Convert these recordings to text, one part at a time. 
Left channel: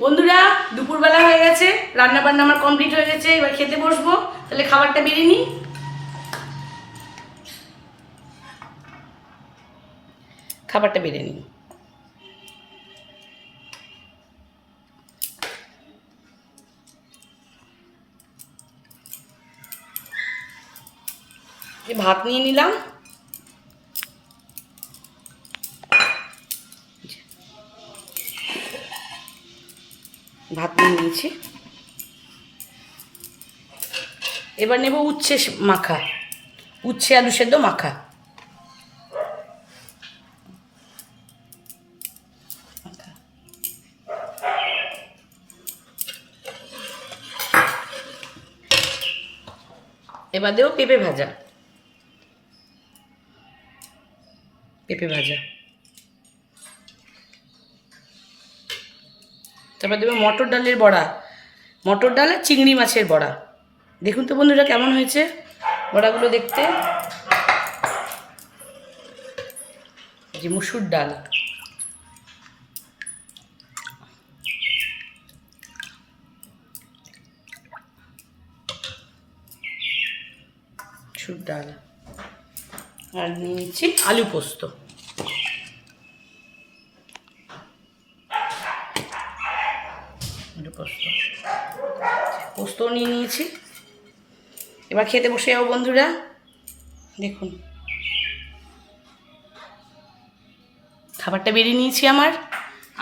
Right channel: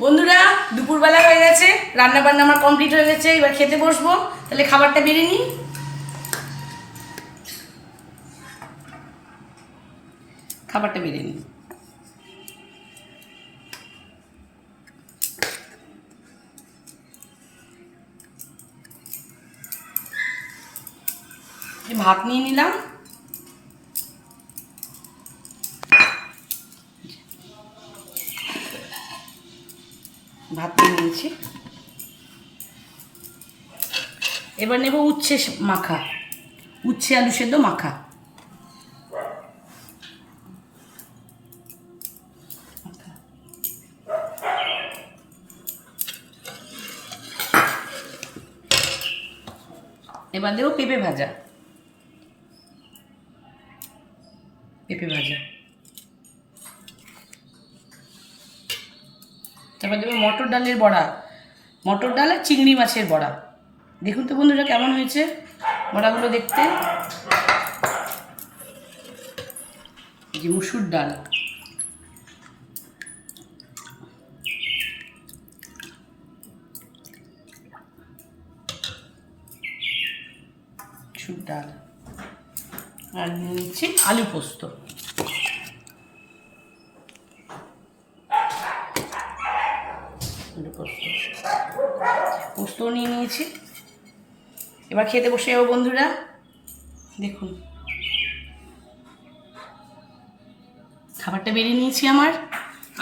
বন্ধুরা দুপুরবেলা হয়ে গেছে, রান্না বান্না আমার কমপ্লিট হয়ে গেছে, এবার খেতে বসবো। তাহলে খাবারটা বেড়ে নিই। খাবারটা বেড়ে নিই। ভাত নিয়ে নিলাম। ভাত নিয়ে নিয়েছি। এবার নেব উচ্ছে মাখা, উচ্ছে আলু সেদ্ধ মাখা। এবার দেবো পেঁপে ভাজা, পেঁপে ভাজা। তারপর দেবো মটর ডালের বড়া, মটর ডাল আর চিংড়ি মাছের বড়া। দেখুন তো বন্ধুরা কেমন হয়েছে বড়াগুলো দেখতে। যে মুসুর ডাল, মুসুর ডাল আর নিয়ে নিচ্ছি আলু পোস্ত। পোস্তও নিয়ে নিয়েছি। এবার খেতে বসে যাবো বন্ধুরা। দেখুন খাবারটা বেরিয়ে নিয়েছি আমার,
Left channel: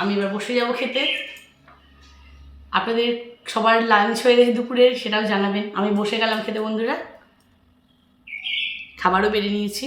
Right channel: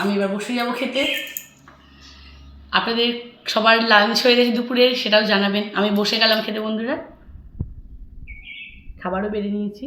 আমি এবার বসে যাব খেতে। আপনাদের সবার লাঞ্চ হয়ে গেছে দুপুরের, সেটাও জানাবেন। আমি বসে গেলাম খেতে বন্ধুরা, খাবারও বেরিয়ে নিয়েছি।